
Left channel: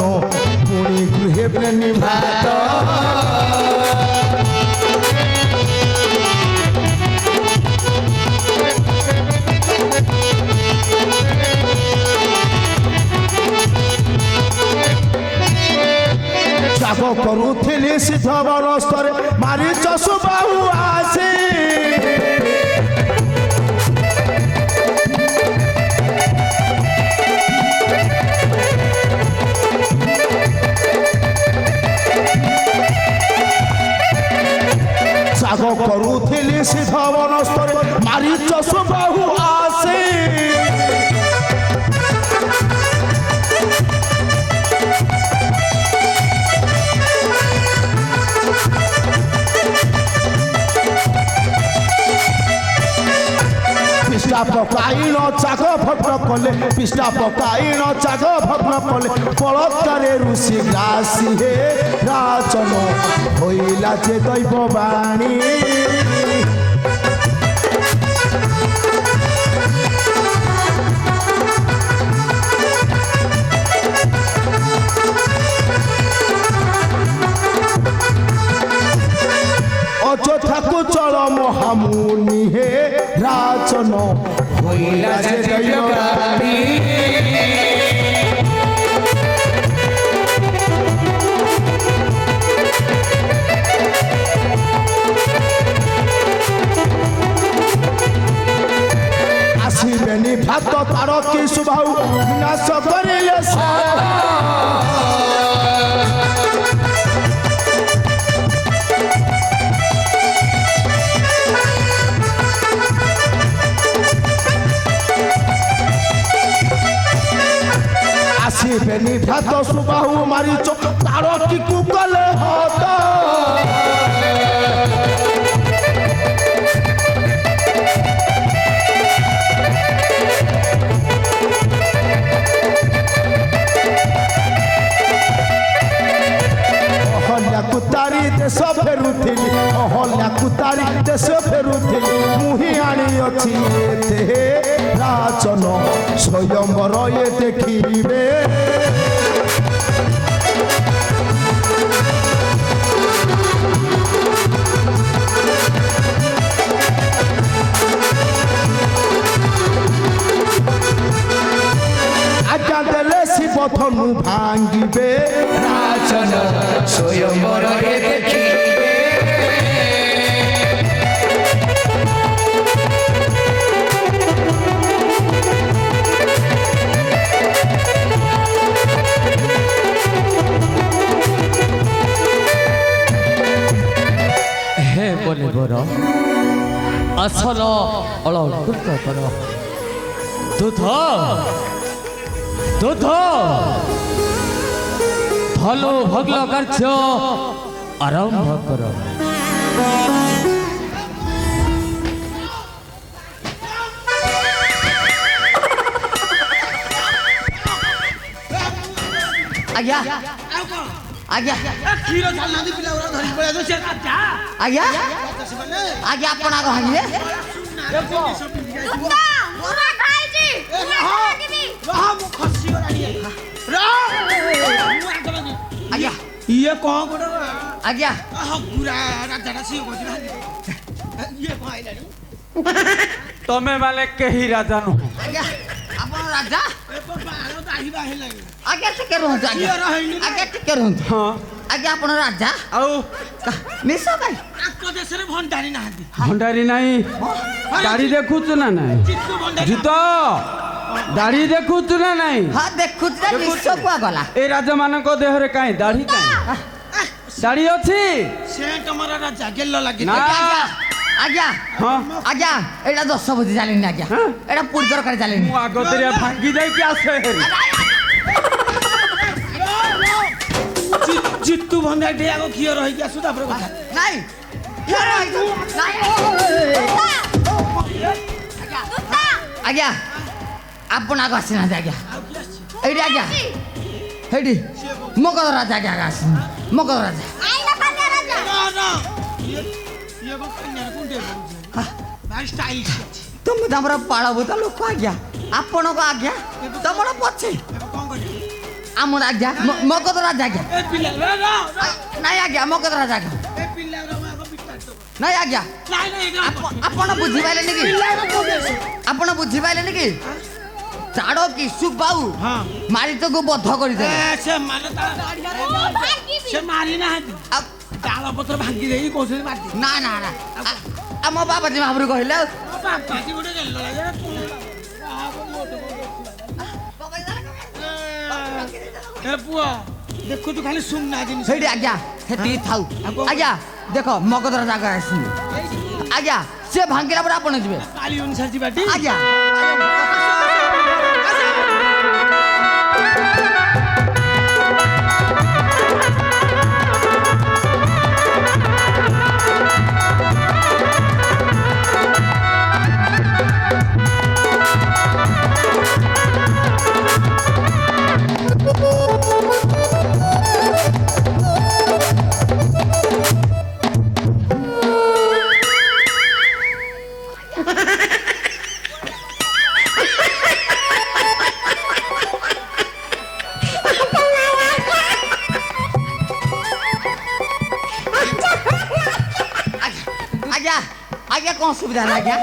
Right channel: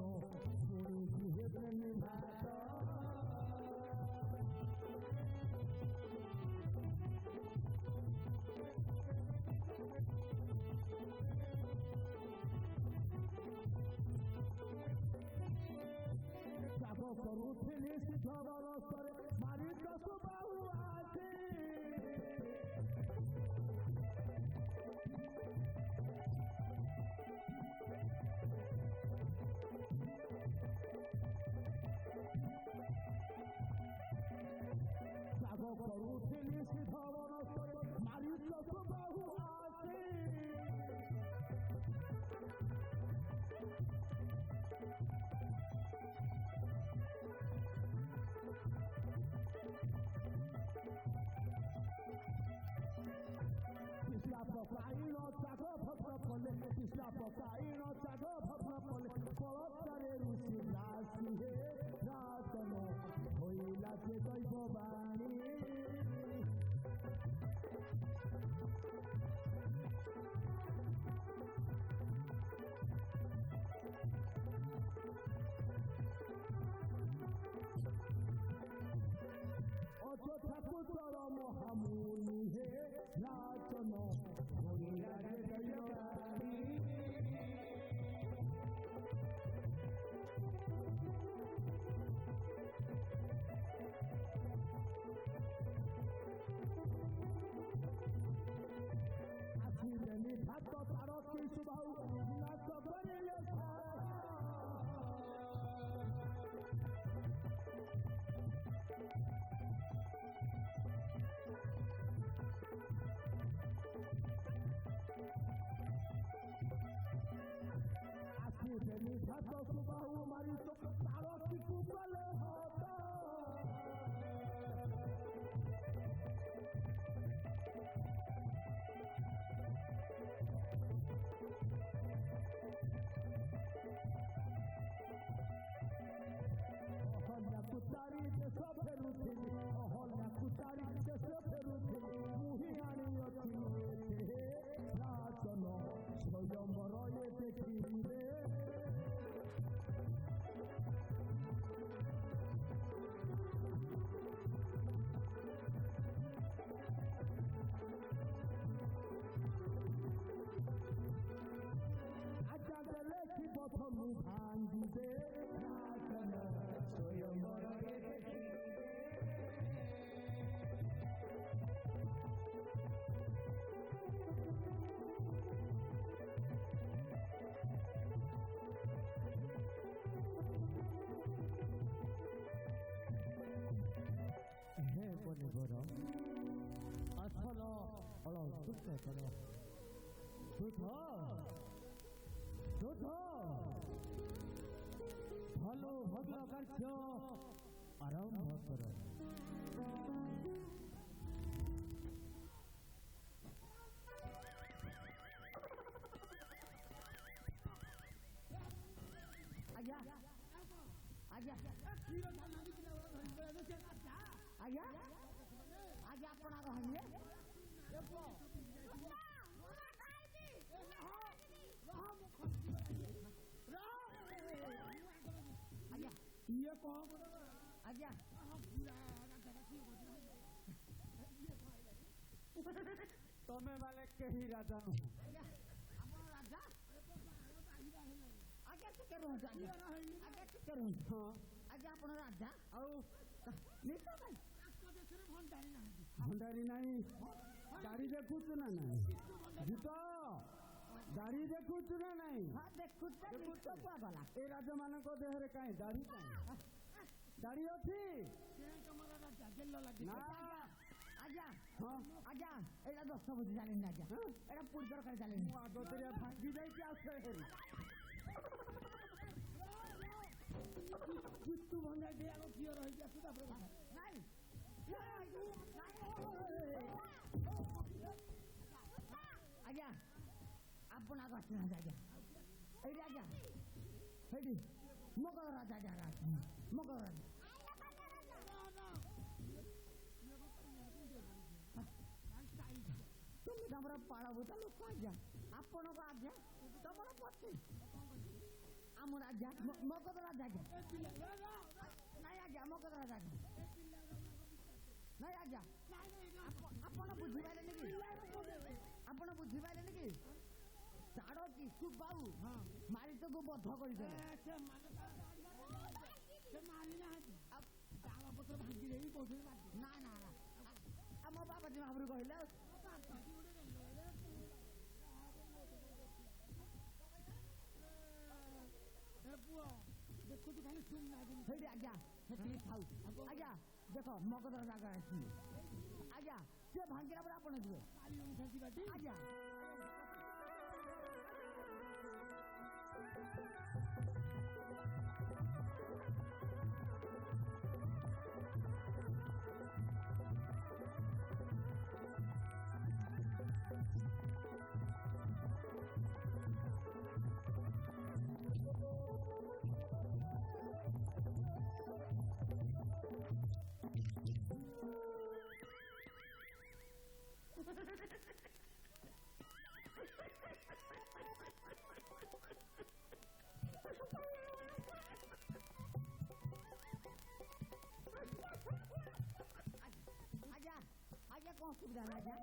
ପୁଣି ଗୃହେ ପ୍ରେମୀ ଭାତ ତ୍ୟାଗ କରୁଥିଲି ସିଦ୍ଧ ବନସ୍ତରେ ମାରିଚ ସୁବାହୁ ଆସି ତ୍ୟାଗ କରୁଥିଲି ସିଦ୍ଧ ବନସ୍ତରେ ମାରିଚ ସୁବାହୁ ଆସି পিষ্টা পকাইন চাগ ভগ্ন কলে পিষ্টা পকাইন চাগ ভগ্ন কলে বলৎকারে ঋষি গ্রাসী হে রাজন হইলা যে দৈব বাণী অযোধ্যাকু চল মহামুনি হে রাজন হইলা যে দৈববাণী আসিবেনি ভাত তার কি শুভাউ বিনাশ করিলে আসিবেনি ভাত সুবাহু মারিচ তার কি কুকলে হত অহল্যাকু তারি দেশ ফেরুথিলি অহল্যাকু তারি দেশ ফেরুথিলি মুহি আনিଅଛି এতে রাজন স্বয়ম্বর এ দেখিবে আজ্ঞা দেলে শিব ধনু ভাঙ্গিবে রাজন স্বয়ম্বর এ দেখিবে হে বলিবর আসল অলঙ্কৃত কর দুধ দুধ ধনু ভগ্ন কার্য আরম্ভ কর ଆଜ୍ଞା ଆଉ କଣ ଆଜ୍ଞା ଏ କ୍ଷୀର ଛାଡୁନାହାନ୍ତି ପିଲାଗୁରା ଧରିକି ପଳେଇ ଆସ ସେ ଯା ଆଜ୍ଞା ସେମାନେ ଆଜ୍ଞା ଆପଣ ଆଗ ଭାଙ୍ଗିଲେ କୁତ୍ତା ମୁଁ ଖାଇଛି ମୁଁ ଖାଇବି ରହ ମୁଁ ଖସିଗଲାଣି ଆଜ୍ଞା ଇଏ କଣ ଗୋଟେ ଆଜ୍ଞା ହଗୁରା ରାଜାଟା ସିଏ କହୁଛି ଇଏ କଣ ଆଇଲାଣି ତମେ ମାନେ କେହି ରାଜା ନୁହଁ ଆଜ୍ଞା ଆପଣ ରାଜା ବାଳ ଦାହିବା ହେଲାଣି ଆଜ୍ଞା ଟିକେ ରୁହନ୍ତୁ ଆଜ୍ଞା କ୍ଷୀର ହେଇନି ଆଜ୍ଞା ଟିକେ ରୁହନ୍ତୁ ହଁ ଆଜ୍ଞା ଆପଣ ରାଜା ଆଉ ମିଶ ଭାଇ ତାଙ୍କ ଦେଶରେ ଭଣ୍ଡାରୀ ନାହାନ୍ତି ଭଣ୍ଡାରୀ ନାହିଁ ଦାଢି ଦେଖୁଛୁ ନା ନାହିଁ ଚିତ୍ତ ଭଣ୍ଡାରୀ ଜୁତ ଦାଢି ଦେଖୁଛୁ ନା ନାହିଁ ହଁ ଦେଖୁଛି ନା ମିଶ କୁଆ ଗଲା ଏ ରାଜା ମାନଙ୍କ ଦେହରେ କାହିଁ ଦାଢି କାହିଁ ଦାଢି ଅଛି ସେ ତମର ରାଜା ଗେଲ ଲାଗି ନା ଆଜ୍ଞା ହଁ ଆଜ୍ଞା ଏଇଟା 10 ବୁଝି ଚାଲିନି ଆଜ୍ଞା ହଁ? ଏଇଟା ପୁରୀ ତରକାରୀ ଚାଲିନି ମୁଁ ଆଗତରିଆ ଭାଙ୍ଗି ଯାଇକି ଆସେ ହେରି ଜିତୁ ଭଣ୍ଡାରୀ ଆଗ କ୍ଷୀର ରହିକି ଆସୁ ତାପରେ କଥା ନାଇଁ ଆଜ୍ଞା ଆପଣ ଆଗ ଆସିନାହାନ୍ତି ଆଜ୍ଞା ଏଇଠି ଆଜ୍ଞା ହେଇଠି ମଗଧ ରାଜା ଆଜ୍ଞା ଆସିନି ମଗଧ ରାଜା ଆଇଲା ପାଣ୍ଡିଆ ରାଜା ନା ଇଏ କଣ କନ୍ୟାରେ କୁଣ୍ଡେ ପଡୁଛି ଭାଇ ଷ୍ଟାଇଲିଶ ଅଛି ତ তুমি তো ଆମର ପାଳଭୂତ ଲୋକ ଆଜ୍ଞା ଆପଣଙ୍କ ଆଜ୍ଞା ତମର ପଛେ କଣ କରିବି ଆମର ଆଜ୍ଞା ମଗଧ ରାଜା ଆଜ୍ଞା ଏ ପିଲା ନାଇଁ ଆଜ୍ଞା ମଗଧ ରାଜା ଆଜ୍ଞା ଏ ପିଲାର ଆଗ ବିଟାଟ ନାଇଁ ଆଜ୍ଞା ନାଇଁ ନାଇଁ ଆପଣ ବୁଝିପାରିଲେନି କି ଆପଣ ବୁଝିପାରିଲେନି କି ଚାଡ଼ କି ସୁବାଉ ହଁ ମାରିତକୁ ବଧ କରିଦେଲେ ସେ ମାନେ ସେ ମାରି ନାହାନ୍ତି ତାଳ ପତ୍ର ଭାଙ୍ଗି ଦେଇକି କହୁଛନ୍ତି ମାରି ନା ନା ନା ଆମ ବାବାଜୀ ମହାପୁରୁ କହିଲେ ଆଉ ବାପାଜି ଗୋଟେ ଗେଲ ଏ ପୁଅ ଦେଖୁଛୁ ଖାଲି ସୁନା ଜିନିଷ ସେଇଠି ଆଜ୍ଞା ସେଠି ଥାଉ ଆଜ୍ଞା ଦେଖ ମଗଧର ଜାଗା ଆସିଲି ଆଜ୍ଞା ସେ ଭାଙ୍ଗିଲା ପରେ ଆପଣ ଯିବେ କାଳି ଅନୁସାରେ ଯିବାଟି ଆଜ୍ଞା ଆଜ୍ଞା ଆଜ୍ଞା କ'ଣ ଅସୁବିଧା ହେଲା ଆଜ୍ଞା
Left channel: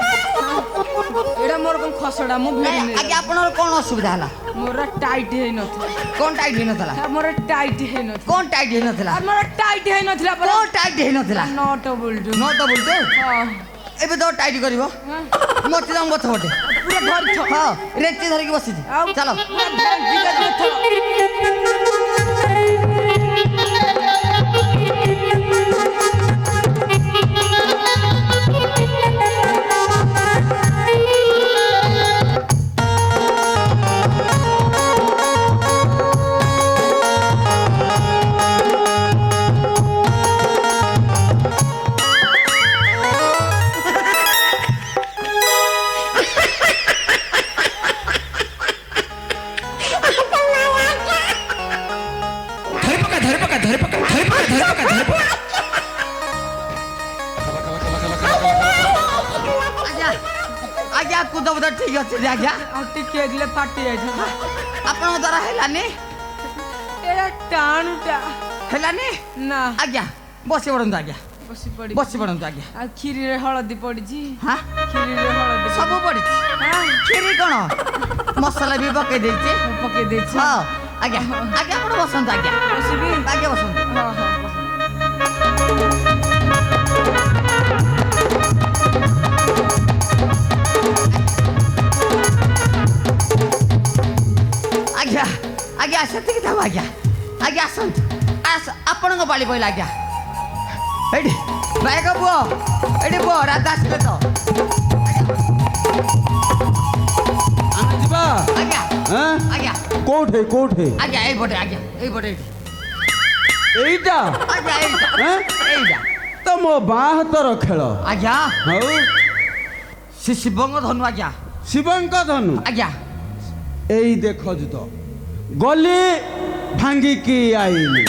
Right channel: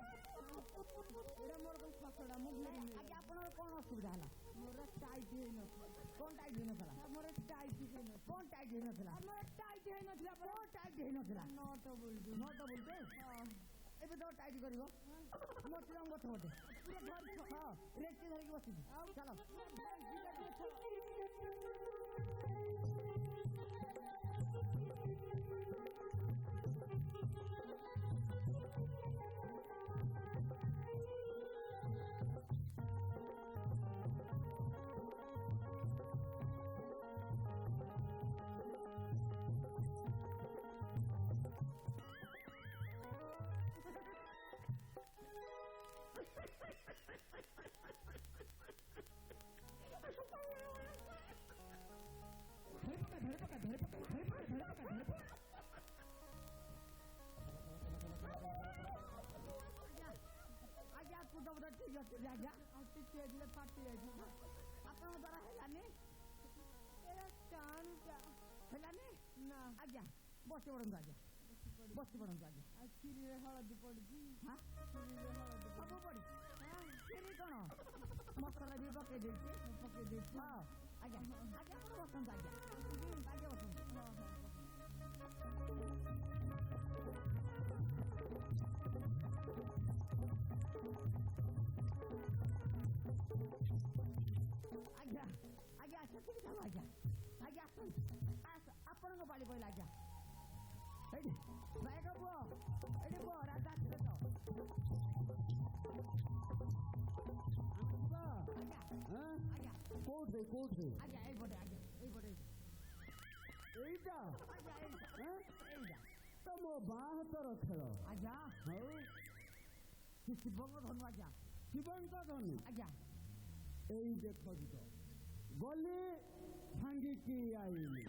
ଏଇଟା ମୋର କଣ ଖସଡା ମୁଁ ଭିଡ଼ି ନେଇ ଆଜ୍ଞା ଆପଣଙ୍କର କ'ଣ ଅସୁବିଧା ହେଲା ମୋର ଟାଇଟ୍ ହେଇନଥିଲା କ'ଣ ଟାଇଟ୍ ହେଇନଥିଲା ମୋର ଟାଇଟ୍ ହେଇନଥିଲା କ'ଣ ଟାଇଟ୍ ହେଇନଥିଲା ମୋର ଟାଇଟ୍ ହେଇନଥିଲା ପରା କ'ଣ ଟାଇଟ୍ ହେଇନଥିଲା ନଟ ବୋଲ୍ଟ ନଟ ବୋଲ୍ଟ ଏବେ ତ ଟାଇଟ୍ କରିବ ମତେ ତମ ଗଛ ଗୋଟେ ପୁରା ଧରିଛ ହଁ ରେଞ୍ଚି ଧରିକି ବସିଛି ଆଉ ଚାଲ ପୁରା ଧରିକି ଆଜ୍ଞା ଆଜ୍ଞା କୁଦ ବୁଦ ଠିକ ଅଛି ଯେ ଆଜ୍ଞା ଆଉ ଟିକେ ଦିଲେ ଫାଟି ଯାଇଥାନ୍ତା ଆପଣଙ୍କ ଦ୍ୱାରା ହେଲାନି ଏଇଟା ଟାଣୁଟା ହେଲାନି ନା ଆଜ୍ଞା ବସି ପଡ଼ନ୍ତୁ ଆଜ୍ଞା ବସି ପଡି ବସି ପଡ଼ନ୍ତୁ ଆଜ୍ଞା ଆଉ କ୍ଷୀରିରେ ହଳଦୀ ପଡିଛି ହଁ କ୍ଷୀରିରେ ହଳଦୀ ସବୁ ପଡ଼ିଛି କ୍ଷୀରି କ'ଣ ମସଲା ବି ପକେଇ ଦେଇଛି ପକେଇ ଦେଇଛି ହଁ ଆଜ୍ଞା ଆଜ୍ଞା ଆପଣ ବସନ୍ତୁ ଆଜ୍ଞା ବସିବି ଆଜ୍ଞା ବସନ୍ତୁ ହଁ ହଁ ଆଜ୍ଞା ଆଜ୍ଞା ସେତିକି ଥାଉ ଆଜ୍ଞା ଆଜ୍ଞା ଆସନ୍ତୁ ଆପଣଙ୍କ ପାଳି ପଇଲା ଆଜ୍ଞା ଏଇଠି ନାୟକ ପୁଅ ଏଇଠି ପୁଅ ରାଧା ଆସିବେ ତ ଆମେ ଯିବା ଆଜ୍ଞା ହଁ ଆଜ୍ଞା କୋଉଠି କୋଉଠି ଆଜ୍ଞା ଏଇପଟେ ଆଜ୍ଞା ଏଇପଟେ ଏଇଠି ଏଇଟା ଆଜ୍ଞା ଏଇଟା ହଁ ଏଇଟା ତ ମୋ ବାଁ ହାତର ଖେଳ ଆଜ୍ଞା ହଉ ସେ ଶିବଙ୍କ ଧନୁ ଆଜ୍ଞା ଶିବଙ୍କ ଧନୁ ଆଜ୍ଞା ଏଇ ଦେଖ ତ ଗଲି ଭାଙ୍ଗିକି ଆଇଲି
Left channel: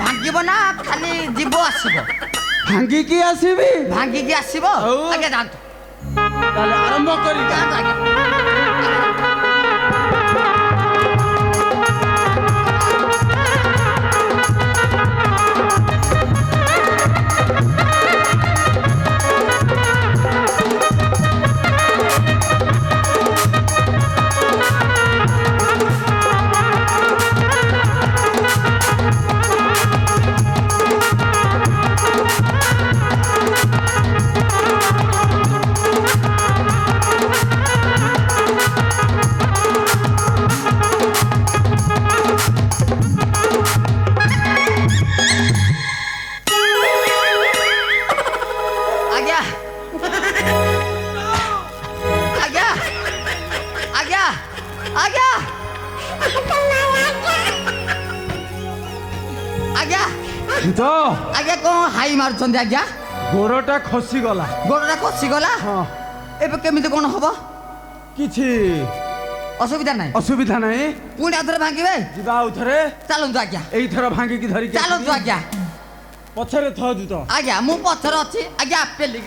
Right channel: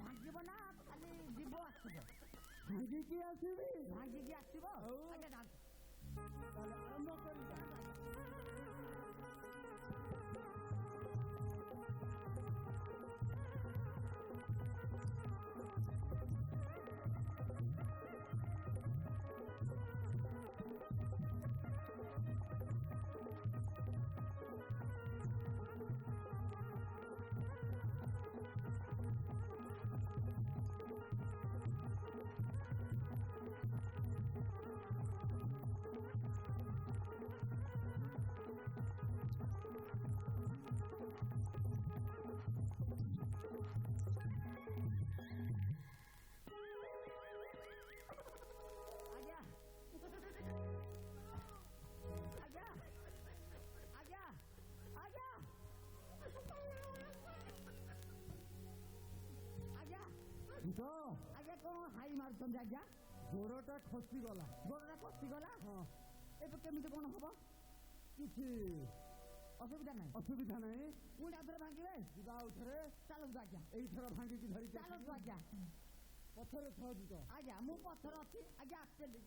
ଭାଙ୍ଗିବ ନା ଖାଲି ଯିବ ଆସିବ ଭାଙ୍ଗିକି ଆସିବି ଭାଙ୍ଗିକି ଆସିବ ହଉ। ଆଜ୍ଞା ଯାଆନ୍ତୁ ତାହେଲେ ଆରମ୍ଭ କରି ଯାଆନ୍ତୁ ଆଜ୍ଞା ଆଜ୍ଞା ଆଜ୍ଞା ଆଜ୍ଞା ଆଜ୍ଞା ଆଜ୍ଞା ତ ଆଜ୍ଞା କ'ଣ ହାଇ ମାରୁଛନ୍ତି ଆଜ୍ଞା ଗୋଡ଼ଟା ଖସିଗଲା ଗୋଡ଼ଟା ଖସିଗଲା ହଁ ଏବେ କେମିତି କ'ଣ ହବ କିଛି ଅସୁବିଧା ନାହିଁ ଅସୁବିଧା ନାହିଁ ପୁଣି ଆଉ ଥରେ ଭାଙ୍ଗିବେ ଯିବା ଆଉ ଥରେ ଚାଲନ୍ତୁ ଆଜ୍ଞା ଏଇଥର ଭାଙ୍ଗିକି ଧରିକି ଚାଲନ୍ତୁ ଆସିବି। ଆଜ୍ଞା ପଛରେ ଥଅ ତ ଆଜ୍ଞା ମୁଁ ପଛରେ ଅଛି ଆଜ୍ଞା ପେଲି